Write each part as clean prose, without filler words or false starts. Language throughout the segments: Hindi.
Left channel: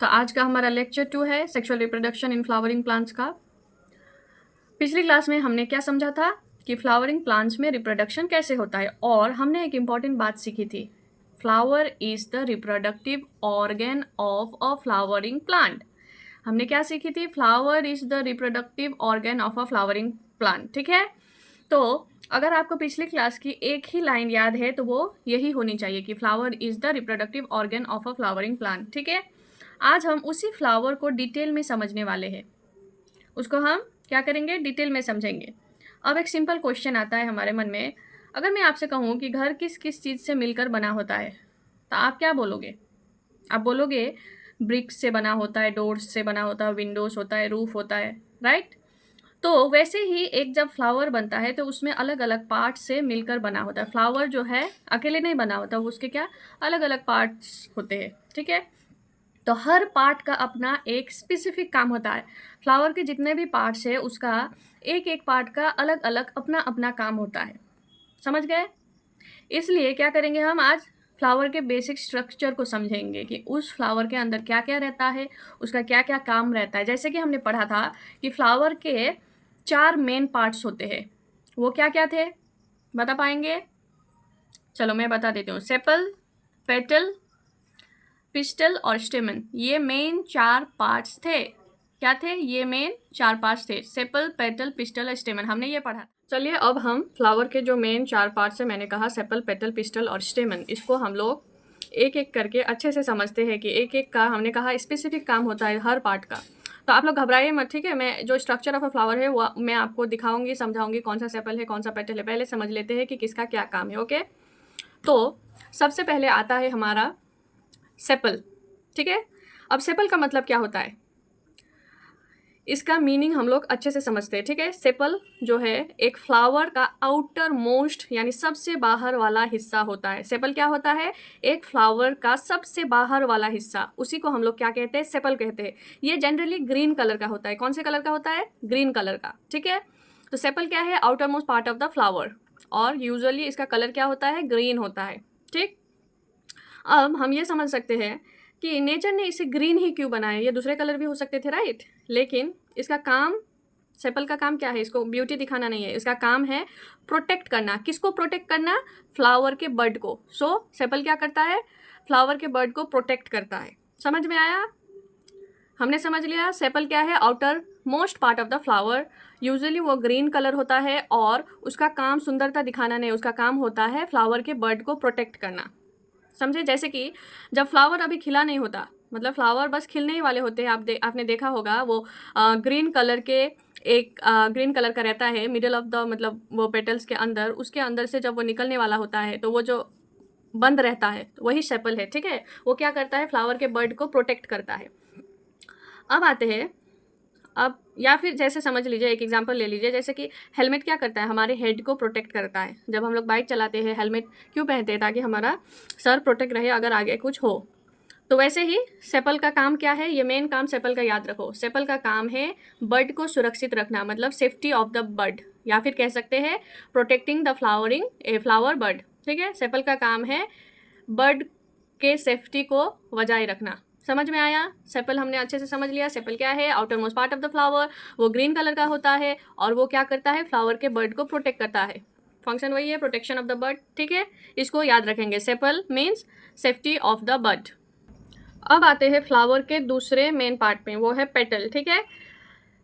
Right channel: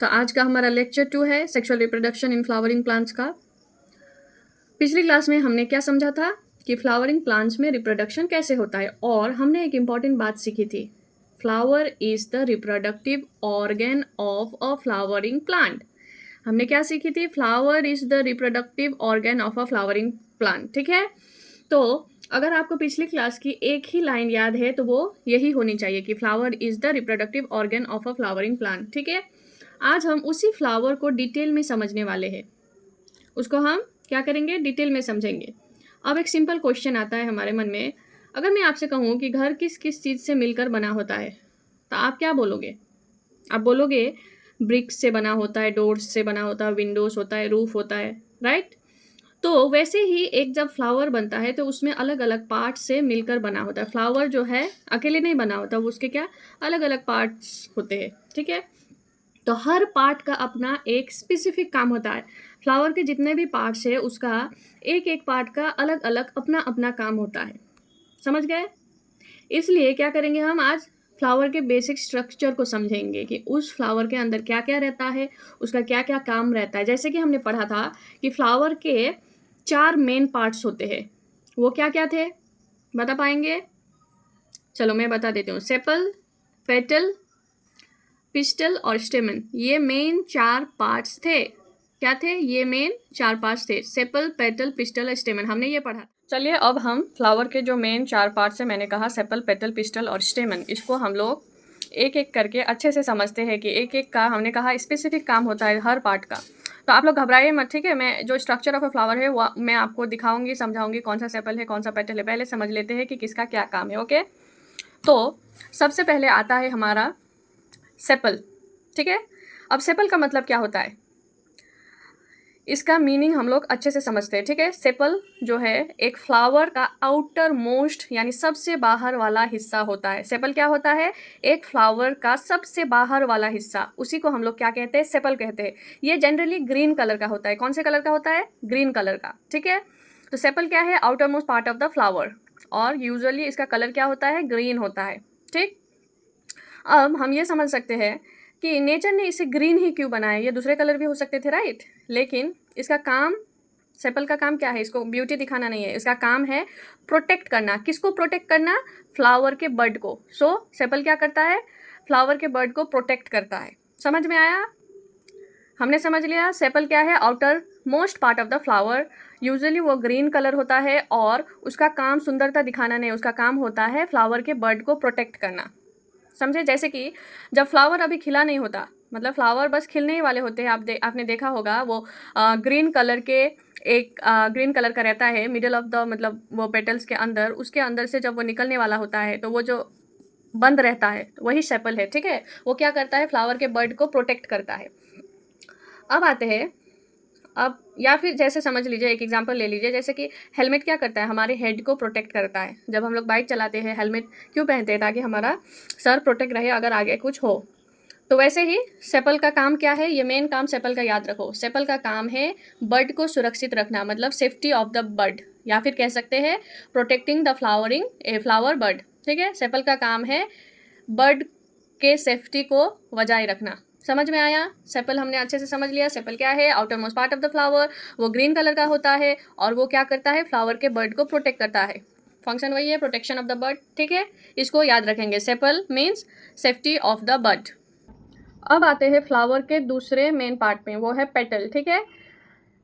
तो आज का हमारा लेक्चर 2 है sexual reproduction in flowering plants का। पिछली क्लास में हमने क्या समझा था कि फ्लावरिंग प्लांट्स में रिप्रोडक्शन कैसे होता है, और हमने एक इम्पॉर्टेंट बात सीखी थी। Flower is the reproductive organ of a flowering plant. हमने क्या सीखी थी? Flower is the reproductive organ of a flowering plant. ठीक है, तो अगर आपको पिछली क्लास की एक ही लाइन याद है तो वो यही होनी चाहिए कि flower is the reproductive organ of a flowering plant. ठीक है, आज हम उसी फ्लावर को डिटेल में समझने वाले हैं। उसको हम क्या करेंगे? डिटेल में समझेंगे। अब एक सिंपल क्वेश्चन आता है हमारे मन में, अगर मैं आपसे कहूँ कि घर किस किस चीज़ से मिलकर बना होता है, तो आप क्या बोलोगे? आप बोलोगे ब्रिक्स से बना होता है, डोर्स से बना होता है, विंडोज होता है, रूफ होता है, राइट? तो वैसे ही एक जब फ्लावर बनता है तो उसमें अलग अलग पार्ट से मिलकर बना होता है। फ्लावर जो है अकेले नहीं बना होता, वो उसके क्या अलग अलग पार्ट्स होते हैं। ठीक है, तो हर पार्ट का अपना एक स्पेसिफिक काम होता है। फ्लावर के जितने भी पार्ट्स है उसका एक एक पार्ट का अलग अलग अपना अपना काम होता है। समझ गए? इसलिए क्या करेंगे हम आज? फ्लावर के बेसिक स्ट्रक्चर को समझेंगे कि उस फ्लावर के अंदर क्या क्या रहता है, उसका क्या क्या काम रहता है। जैसे कि हमने पढ़ा था कि फ्लावर के 4 मेन पार्ट्स होते हैं। वो क्या क्या थे, बता पाएंगे? चलो मैं बता देती हूँ। सेपल, पेटल, पिस्टल और स्टेमन, ये मेन 4 पार्ट्स थे। क्या थे? ये मेन 4 पार्ट्स थे। सेपल, पेटल, पिस्टल और स्टेमन, हमने ये पढ़ा। चलिए अब हम फ्लावर के जो मेन 4 पार्ट्स है, मैंने कहा सेपल, पेटल, पिस्टल और स्टेमन, इसको हम लोग एक एक करके अच्छे से समझते हैं कि एक एक का हमने कहा स्पेसिफिक काम होता है हर पार्ट का। तो आप लोग घबराइए मत, ठीक है? मैं जो स्ट्रक्चर ऑफ अ फ्लावर है वो मैं आपको दिखाऊंगी, समझाऊंगी कौन सा सेपल है, कौन सा पेटल है। पहले समझ लेते हैं कि किसका क्या काम है। ओके, तो सबसे पहले आता है हमारा सेपल। ठीक है, अब सेपल का मतलब क्या होता है, इसका मीनिंग हम लोग अच्छे से समझते हैं। ठीक है, सेपल जो है एक फ्लावर का आउटर मोस्ट यानी सबसे बाहर वाला हिस्सा होता है। सेपल क्या होता है? एक फ्लावर का सबसे बाहर वाला हिस्सा, उसी को हम लोग क्या कहते हैं? सेपल कहते हैं। ये जनरली ग्रीन कलर का होता है। कौन से कलर का होता है? ग्रीन कलर का। ठीक है, तो सेपल क्या है? Outer most part of the flower, और यूजुअली इसका कलर क्या होता है? ग्रीन होता है। ठीक, अब हम ये समझ सकते हैं कि नेचर ने इसे ग्रीन ही क्यों बनाया। ये दूसरे कलर भी हो सकते थे, राइट? लेकिन इसका काम, सेपल का काम क्या है? इसको ब्यूटी दिखाना नहीं है, इसका काम है प्रोटेक्ट करना। किसको प्रोटेक्ट करना? फ्लावर के बर्ड को। सो सेपल क्या करता है? फ्लावर के बर्ड को प्रोटेक्ट करता है। समझ में आया? हमने समझ लिया सेपल क्या है? Outer most part of the flower. Usually वो ग्रीन कलर होता है और उसका काम सुंदरता दिखाना नहीं, उसका काम होता है फ्लावर के बर्ड को प्रोटेक्ट करना। समझे? जैसे कि जब फ्लावर अभी खिला नहीं होता, मतलब फ्लावर बस खिलने ही वाले होते हैं, आपने देखा होगा वो ग्रीन कलर के एक ग्रीन कलर का रहता है मिडल ऑफ द, मतलब वो पेटल्स के अंदर, उसके अंदर से जब वो निकलने वाला होता है तो वो जो बंद रहता है वही सेपल है। ठीक है, वो क्या करता है? फ्लावर के बर्ड को प्रोटेक्ट करता है। अब आते हैं, अब या फिर जैसे समझ लीजिए, एक एग्जांपल ले लीजिए, जैसे कि हेलमेट क्या करता है? हमारे हेड को प्रोटेक्ट करता है। जब हम लोग बाइक चलाते हैं हेलमेट क्यों पहनते हैं? ताकि हमारा सर प्रोटेक्ट रहे अगर आगे कुछ हो। तो वैसे ही सेपल का काम क्या है? ये मेन काम सेपल का याद रखो। सेपल का काम है बर्ड को सुरक्षित रखना, मतलब सेफ्टी ऑफ द बर्ड, या फिर कह सकते हैं protecting the flowering a flower bird. ठीक है, सेपल का काम है बर्ड के सेफ्टी को बजाय रखना। समझ में आया? सेपल हमने अच्छे से समझ लिया। सेपल क्या है? Outer most part of the flower, वो ग्रीन कलर का होता है और वो क्या करता है? फ्लावर के बर्ड को प्रोटेक्ट करता है। फंक्शन वही है, प्रोटेक्शन ऑफ द बर्ड। ठीक है, इसको याद रखेंगे। Sepal means safety of the bird. अब आते हैं फ्लावर के दूसरे मेन पार्ट में, वो है पेटल। ठीक है,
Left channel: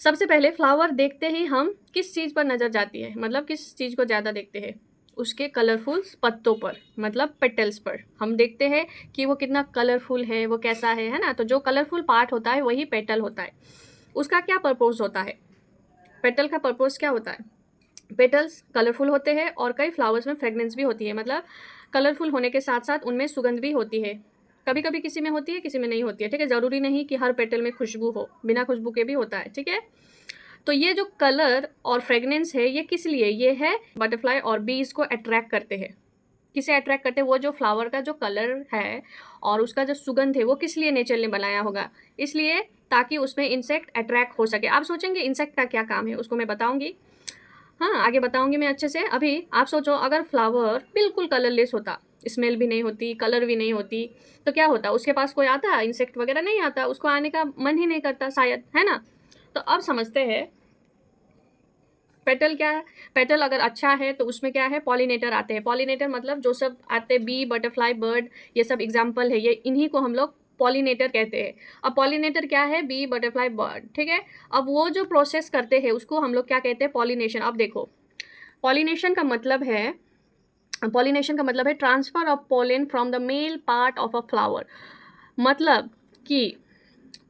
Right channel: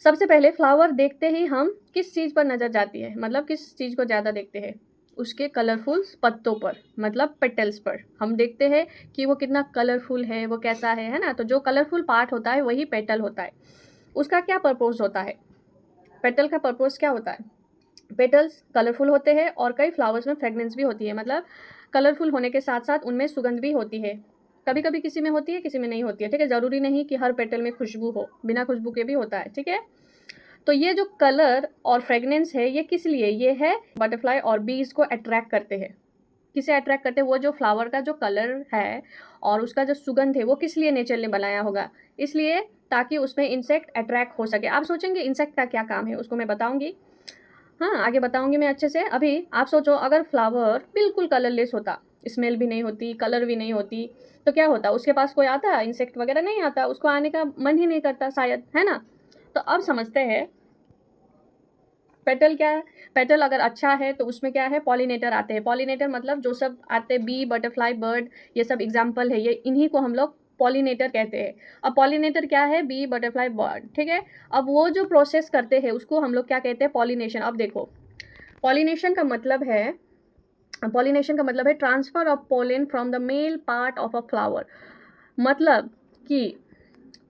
सबसे पहले फ्लावर देखते ही हम किस चीज़ पर नज़र जाती है, मतलब किस चीज़ को ज़्यादा देखते हैं? उसके कलरफुल पत्तों पर, मतलब पेटल्स पर हम देखते हैं कि वो कितना कलरफुल है, वो कैसा है ना? तो जो कलरफुल पार्ट होता है वही पेटल होता है। उसका क्या पर्पस होता है? पेटल का पर्पस क्या होता है? पेटल्स कलरफुल होते हैं और कई फ्लावर्स में फ्रेगनेंस भी होती है, मतलब कलरफुल होने के साथ साथ उनमें सुगंध भी होती है। कभी कभी किसी में होती है, किसी में नहीं होती है। ठीक है, ज़रूरी नहीं कि हर पेटल में खुशबू हो, बिना खुशबू के भी होता है। ठीक है, तो ये जो कलर और फ्रेगनेंस है ये किस लिए? ये है बटरफ्लाई और बीज को अट्रैक्ट करते हैं। किसे अट्रैक्ट करते हैं? वो जो फ्लावर का जो कलर है और उसका जो सुगंध है वो किस लिए नेचर ने बनाया होगा? इसलिए ताकि उसमें इंसेक्ट अट्रैक्ट हो सके। आप सोचेंगे इंसेक्ट का क्या काम है, उसको मैं बताऊंगी। हाँ, आगे बताऊंगी मैं अच्छे से। अभी आप सोचो अगर फ्लावर बिल्कुल कलरलेस होता स्मेल भी नहीं होती, कलर भी नहीं होती, तो क्या होता, उसके पास कोई आता, इंसेक्ट वगैरह नहीं आता, उसको आने का मन ही नहीं करता शायद, है ना। तो अब समझते हैं पेटल क्या है। पेटल अगर अच्छा है तो उसमें क्या है, पॉलिनेटर आते हैं। पॉलिनेटर मतलब जो सब आते हैं, बी, बटरफ्लाई, बर्ड, ये सब एग्जाम्पल है, ये इन्हीं को हम लोग पॉलिनेटर कहते हैं। अब पॉलिनेटर क्या है, बी, बटरफ्लाई, बर्ड, ठीक है। अब वो जो प्रोसेस करते हैं उसको हम लोग क्या कहते हैं, पॉलिनेशन। अब देखो, पॉलिनेशन का मतलब है, पॉलिनेशन का मतलब है transfer of pollen from the male part of a flower. मतलब कि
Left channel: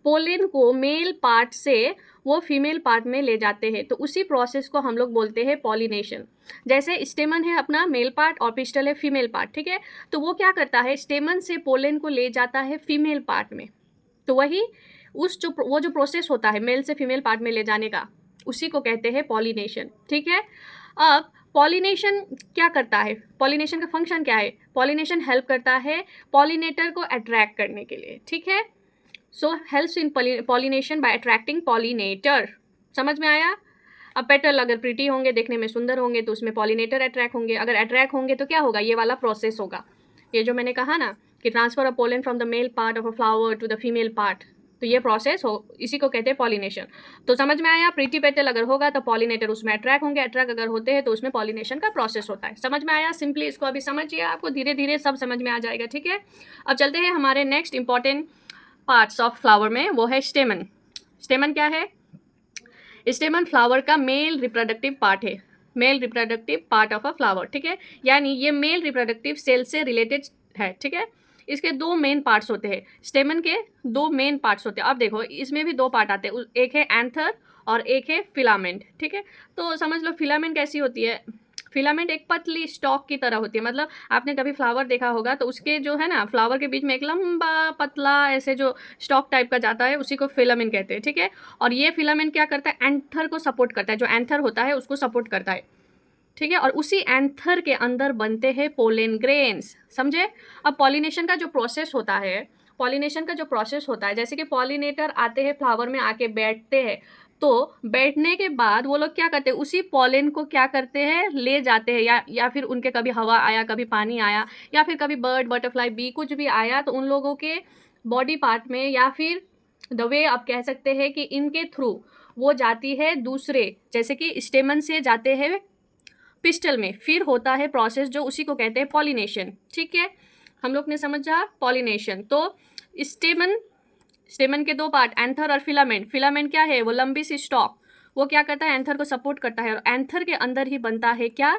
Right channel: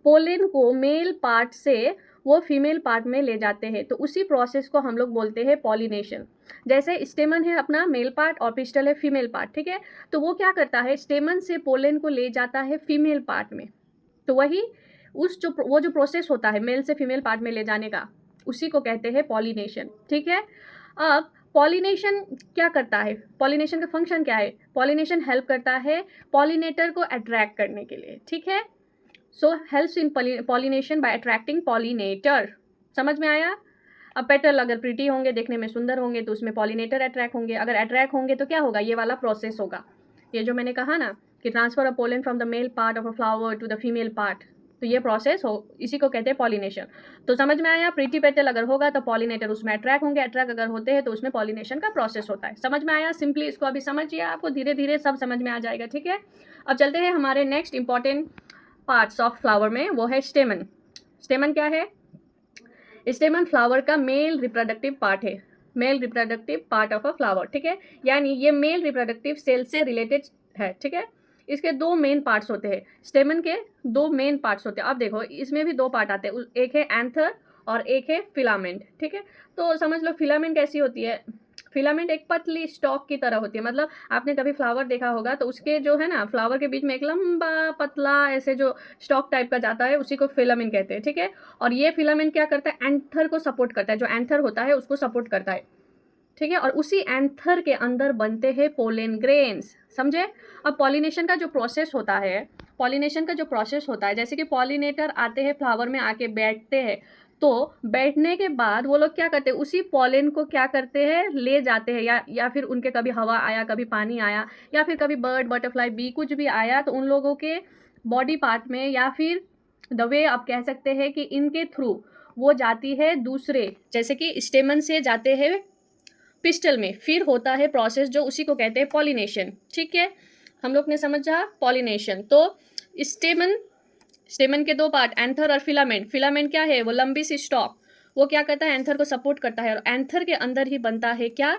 पोलन को मेल पार्ट से वो फीमेल पार्ट में ले जाते हैं, तो उसी प्रोसेस को हम लोग बोलते हैं पॉलिनेशन। जैसे स्टेमन है अपना मेल पार्ट और पिस्टल है फीमेल पार्ट, ठीक है। तो वो क्या करता है, स्टेमन से पोलन को ले जाता है फीमेल पार्ट में। तो वही वो जो प्रोसेस होता है मेल से फीमेल पार्ट में ले जाने का, उसी को कहते हैं पॉलिनेशन, ठीक है। अब पॉलिनेशन क्या करता है, पॉलिनेशन का फंक्शन क्या है, पॉलिनेशन हेल्प करता है पॉलिनेटर को अट्रैक्ट करने के लिए, ठीक है। So helps in pollination by attracting pollinator. समझ में आया। अब पेटल अगर प्रिटी होंगे, देखने में सुंदर होंगे, तो उसमें पॉलिनेटर अट्रैक्ट होंगे। अगर अट्रैक्ट होंगे तो क्या होगा, ये वाला प्रोसेस होगा, ये जो मैंने कहा ना कि transfer of pollen from the male part of a flower to the female part, तो ये प्रोसेस हो, इसी को कहते हैं पॉलिनेशन। तो समझ में आया, प्रीटी पेटल अगर होगा तो पॉलिनेटर उसमें अट्रैक्ट होंगे, अट्रैक्ट अगर होते हैं तो उसमें पॉलिनेशन का प्रोसेस होता है। समझ में आया, सिंपली इसको अभी समझिए, आपको धीरे धीरे सब समझ में आ जाएगा, ठीक है। अब चलते हैं हमारे next important parts of flower में, वो है स्टेमन। स्टेमन क्या है, स्टेमन फ्लावर का मेल रिप्रोडक्टिव पार्ट है, male reproductive part of a flower, ठीक है। यानी ये मेल रिप्रोडक्टिव सेल से रिलेटेड है, ठीक है। इसके दो मेन पार्ट्स होते हैं, स्टेमन के दो मेन पार्ट्स होते हैं। अब देखो इसमें भी दो पार्ट आते हैं, एक है एंथर और एक है फिलामेंट, ठीक है। तो समझ लो फिलामेंट कैसी होती है, फिलामेंट एक पतली स्टॉक की तरह होती है। मतलब आपने कभी फ्लावर देखा होगा तो उसके जो है ना, फ्लावर के बीच में एक लंबा पतला ऐसे जो स्टॉक टाइप का जाता है, उसी को फिलामेंट कहते हैं, ठीक है। और ये फिलामेंट क्या करता है, एंथर को सपोर्ट करता है, जो एंथर होता है उसको सपोर्ट करता है, ठीक है। और उसी एंथर के अंदर बनते हैं पोलन ग्रेन्स, समझे। अब पॉलिनेशन का जो प्रोसेस होता है, पॉलिनेशन का जो प्रोसेस होता है, जैसे कि पॉलिनेटर आते हैं फ्लावर में, आके बैठते हैं, तो बैठने के बाद वो लोग क्या करते हैं, उसी पॉलन को क्या करते हैं, ले जाते हैं, या फिर उनके कभी हवा आया, कभी पानी आया, या फिर कभी बर्ड, बटरफ्लाई, बी कुछ भी आया, तो उन लोगों के बॉडी पार्ट में, या फिर द वे आप कह सकते हैं कि इनके थ्रू वो जाती है दूसरे, जैसे कि स्टेमन से जाते हैं पिस्टल में, फिर होता है प्रोसेस जो उसी को कहते हैं पॉलिनेशन, ठीक है। हम लोग ने समझा पॉलिनेशन। तो स्टेमन, स्टेमन के दो पार्ट, एंथर और फिलामेंट। फिलामेंट क्या है, वो लंबी सी स्टॉक, वो क्या करता है, एंथर को सपोर्ट करता है, और एंथर के अंदर ही बनता है क्या,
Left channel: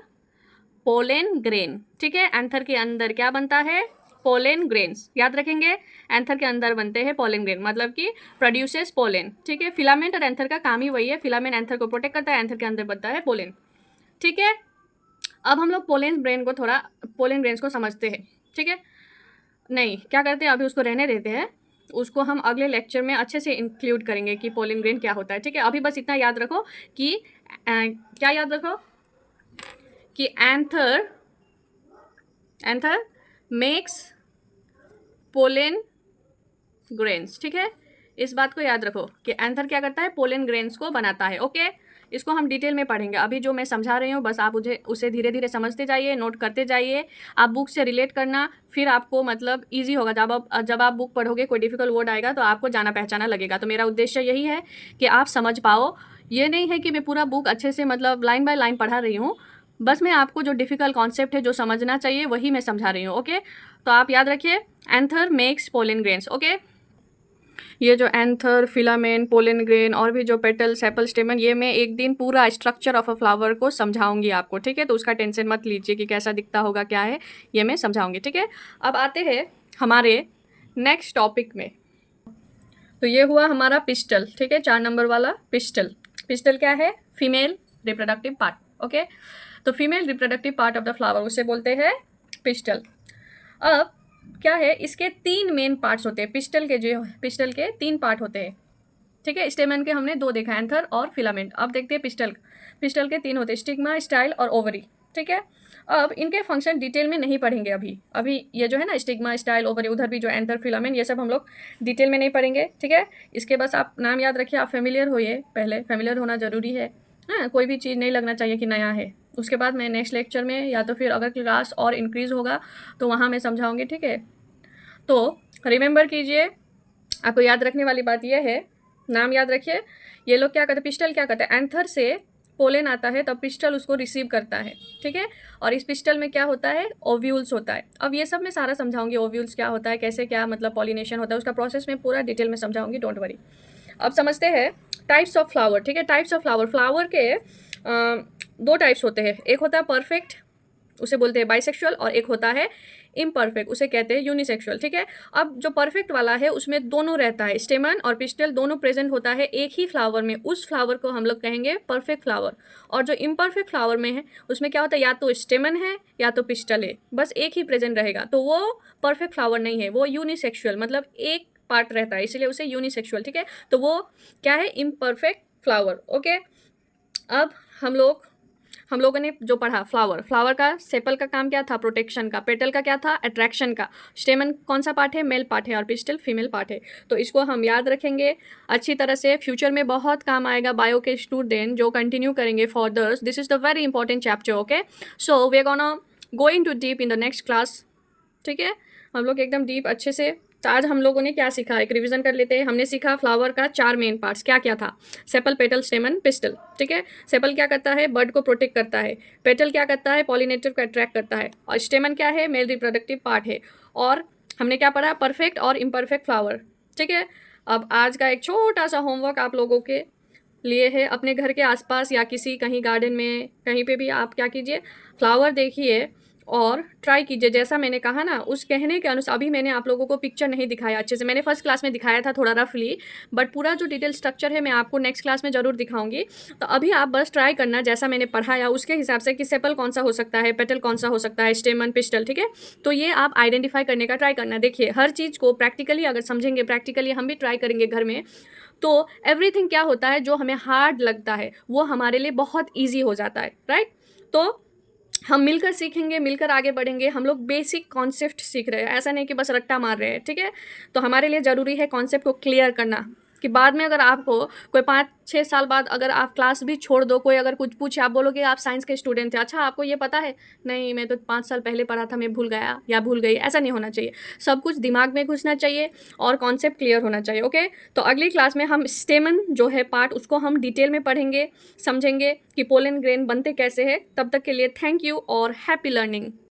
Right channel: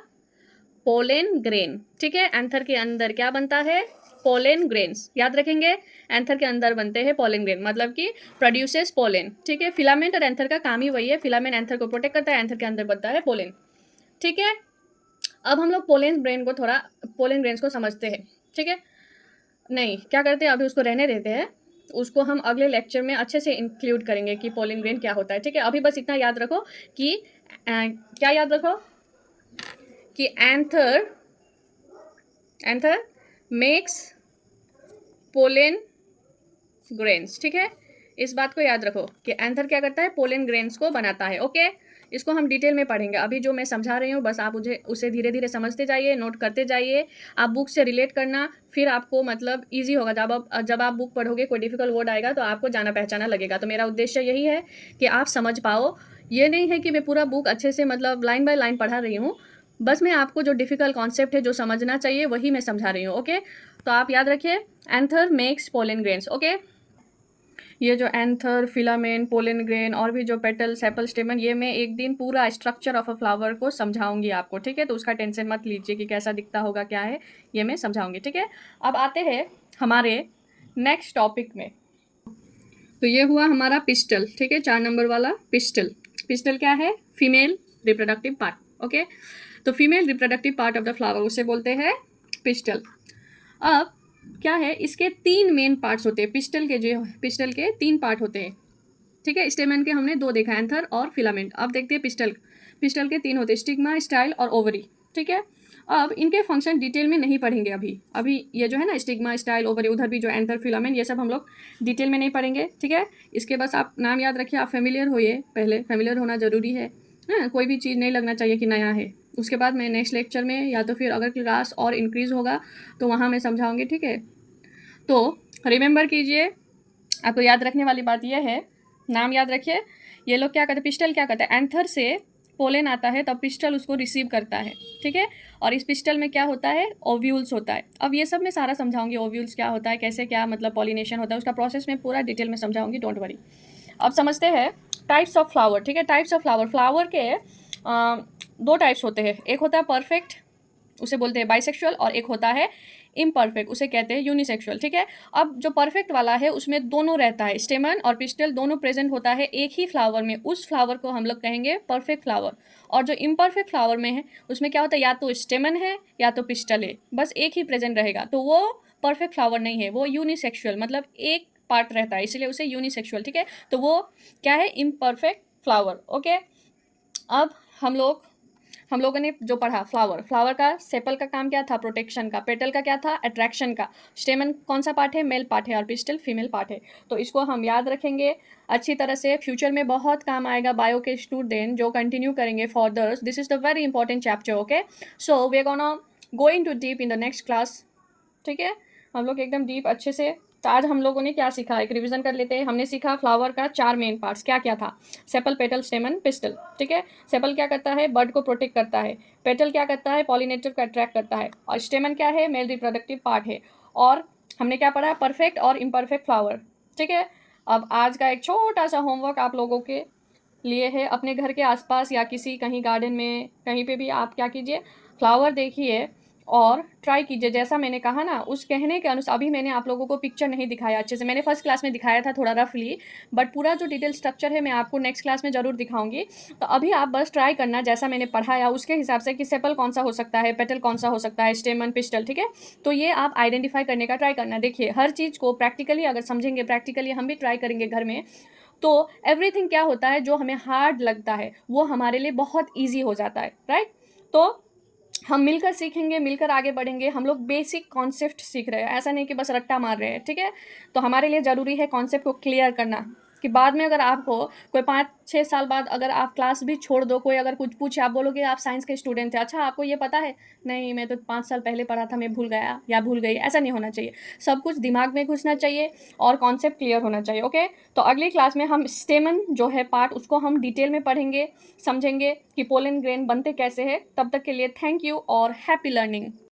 पोलन ग्रेन, ठीक है। एंथर के अंदर क्या बनता है, पोलन ग्रेन्स, याद रखेंगे, एंथर के अंदर बनते हैं पोलन ग्रेन, मतलब कि प्रोड्यूसेस पोलन, ठीक है। फिलामेंट और एंथर का काम ही वही है, फिलामेंट एंथर को प्रोटेक्ट करता है, एंथर के अंदर बनता है पोलन, ठीक है। अब हम लोग पोलन ग्रेन्स को समझते हैं, ठीक है। नहीं, क्या करते हैं, अभी उसको रहने देते हैं, उसको हम अगले लेक्चर में अच्छे से इंक्लूड करेंगे कि पोलन ग्रेन क्या होता है, ठीक है। अभी बस इतना याद रखो कि क्या याद रखो कि एंथर मेक्स पोलन ग्रेन्स, ठीक है। इस बात को याद रखो कि एंथर क्या करता है, पोलन ग्रेन्स को बनाता है, ओके। इसको हम डिटेल में पढ़ेंगे, अभी जो मैं समझा रही हूँ बस आप उसे धीरे धीरे समझते जाइए, नोट करते जाइए, आप बुक से रिलेट करना, फिर आपको मतलब ईजी होगा। जब आप बुक पढ़ोगे, कोई डिफिकल्ट वर्ड आएगा तो आपको जाना पहचाना लगेगा। तो मेरा उद्देश्य यही है कि आप समझ पाओ, ये नहीं है कि मैं पूरा बुक अच्छे से मतलब लाइन बाय लाइन पढ़ा रही हूँ, बस मैं आपको जो डिफिकल्ट कॉन्सेप्ट है, जो समझना चाहिए, वही मैं समझा रही हूँ, ओके। तो आप याद रखिए, anther makes pollen grains, okay. ये जो एंथर, फिलामेंट, पोलन ग्रेन और भी जो पेटल, सेपल, स्टेमन, ये मैं एक दिन पूरा स्ट्रक्चर ऑफ अ फ्लावर को समझाऊंगी आपको, ठीक है। तो उसका टेंशन मत लीजिए कि कैसा दिखता होगा, क्या है, ये मैं समझाऊंगी, ठीक है। अब आते हैं हमारे नेक्स्ट टॉपिक में। तो ये हुआ हमारा पिस्टल, ठीक है, 4 नंबर वाला पिस्टल। पिस्टल क्या है, फीमेल रिप्रोडक्टिव पार्ट, ओके। तो female reproductive part of the flower, उसे बोलते हैं पिस्टल। अब क्या है, इसके 3 मेन पार्ट्स होते हैं, पिस्टल के 3 पार्ट होते हैं, ठीक है। स्टेमन के हमने 2 देखा, एंथर और फिलामेंट। अब देखते हैं पिस्टल के 3 होते हैं, स्टिग्मा, स्टाइल और ओवरी, ठीक है। अब इनके फंक्शन डिटेल में नहीं पढ़ेंगे अभी ये जो है ना, स्टिग्मा, स्टाइल, ओवरी, उधर भी जो एंथर, फिलामेंट, ये सब हम लोग डिटेल में नहीं पढ़ेंगे, ठीक है। इसके बस आप नाम याद रखिए, आप फेमिलियर होइए, पहले फेमिलियर होना ज़रूरी है, हाँ। कोई भी चीज़ नहीं लगना चाहिए कि नया है, उसके बाद मैं नेक्स्ट लेक्चर में या तो फिर अगर क्लास और इंक्रीज़ होगा तो वहाँ मैं समझाऊंगी, ठीक है। तो रिमेंबर कीजिए, आपको याद रखने वाली बात यह है, नाम याद रखिए, ये लोग क्या करते हैं, पिस्टल क्या करता है, एंथर से पोलन आता है तब पिस्टल उसको रिसीव करता है, ठीक है। और इस पिस्टल में क्या होता है, ओव्यूल्स होता है। अब ये सब मैं सारा समझाऊंगी, ओव्यूल्स क्या होता है, कैसे क्या मतलब पॉलिनेशन होता है, उसका प्रोसेस मैं पूरा डिटेल में समझाऊंगी, डोंट वरी। अब समझते हैं टाइप्स ऑफ फ्लावर, ठीक है। टाइप्स ऑफ फ्लावर, फ्लावर के दो टाइप्स होते हैं, एक होता है परफेक्ट, उसे बोलते हैं बाइसेक्सुअल, और एक होता है इम्परफेक्ट, उसे कहते हैं यूनिसेक्सुअल, ठीक है। अब जो परफेक्ट वाला है उसमें दोनों रहता है, स्टेमन और पिस्टल दोनों प्रेजेंट होता है एक ही फ्लावर में, उस फ्लावर को हम लोग कहेंगे परफेक्ट फ्लावर। और जो इम्परफेक्ट फ्लावर में है उसमें क्या होता है, या तो स्टेमन है या तो पिस्टल है, बस एक ही प्रेजेंट रहेगा, तो वो परफेक्ट फ्लावर नहीं है, वो यूनिसेक्सुअल मतलब एक पार्ट रहता है, इसलिए उसे यूनिसेक्सुअल, ठीक है। तो वो क्या है, इम्परफेक्ट फ्लावर, ओके। अब हम लोगों ने जो पढ़ा, फ्लावर, फ्लावर का सेपल का काम क्या था, प्रोटेक्शन का, पेटल का क्या था, अट्रैक्शन का, स्टेमन कौन सा पार्ट है, मेल पार्ट है, और पिस्टल फीमेल पार्ट है। तो इसको हम याद रखेंगे अच्छी तरह से, फ्यूचर में बहुत काम आएगा बायो के स्टूडेंट जो कंटिन्यू करेंगे further. This is the very important chapter, okay. So we are gonna going to deep in the next class, ठीक है। हम लोग एकदम डीप अच्छे से, तो आज हम लोगों ने क्या सीखा, एक रिवीजन कर लेते हैं। हमने सीखा फ्लावर का 4 मेन पार्ट्स, क्या क्या था, सेपल, पेटल, स्टेमन, पिस्टल, ठीक है। सेपल क्या करता है, बर्ड को प्रोटेक्ट करता है, पेटल क्या करता है, पॉलिनेटर को अट्रैक्ट करता है, और स्टेमन क्या है, मेल रिप्रोडक्टिव पार्ट है। और हमने क्या पढ़ा, परफेक्ट और इम्परफेक्ट फ्लावर, ठीक है। अब आज का एक छोटा सा होमवर्क आप लोगों के लिए है, अपने घर के आसपास या किसी कहीं गार्डन में कहीं पे भी आप क्या कीजिए, फ्लावर देखिए और ट्राई कीजिए जैसा मैंने कहा ना, उस कहने के अनुसार। अभी मैंने आप लोगों को पिक्चर नहीं दिखाया अच्छे से, मैंने फर्स्ट क्लास में दिखाया था थोड़ा रफली, बट पूरा जो डिटेल स्ट्रक्चर है मैं आपको नेक्स्ट क्लास में ज़रूर दिखाऊंगी। तो अभी आप बस ट्राई करना जैसा मैंने पढ़ाया उसके हिसाब से, कि सेपल कौन सा हो सकता है, पेटल कौन सा हो सकता है, स्टेमन, पिस्टल, ठीक है। तो ये आप आइडेंटिफाई करने का ट्राई करना। देखिए हर चीज़ को प्रैक्टिकली अगर समझेंगे, प्रैक्टिकली हम भी ट्राई करेंगे घर में, तो एवरीथिंग क्या होता है, जो हमें हार्ड लगता है वो हमारे लिए बहुत ईजी हो जाता है, राइट। तो हम मिलकर सीखेंगे, मिलकर आगे बढ़ेंगे। हम लोग बेसिक कॉन्सेप्ट सीख रहे हैं, ऐसा नहीं कि बस रट्टा मार रहे हैं, ठीक है। तो हमारे लिए ज़रूरी है कॉन्सेप्ट को क्लियर करना, कि बाद में अगर आपको कोई 5-6 साल बाद अगर आप क्लास भी छोड़ दो, कोई अगर कुछ पूछे, आप बोलोगे आप साइंस के स्टूडेंट थे, अच्छा आपको ये पता है, नहीं मैं तो 5 साल पहले पढ़ा था, मैं भूल गया या भूल गई, ऐसा नहीं होना चाहिए। सब कुछ दिमाग में घुसना चाहिए और कॉन्सेप्ट क्लियर होना चाहिए, ओके। तो अगली क्लास में हम स्टेमन जो है पार्ट, उसको हम डिटेल में पढ़ेंगे, समझेंगे कि पोलन ग्रेन बनते कैसे हैं। तब तक के लिए थैंक यू और हैप्पी लर्निंग।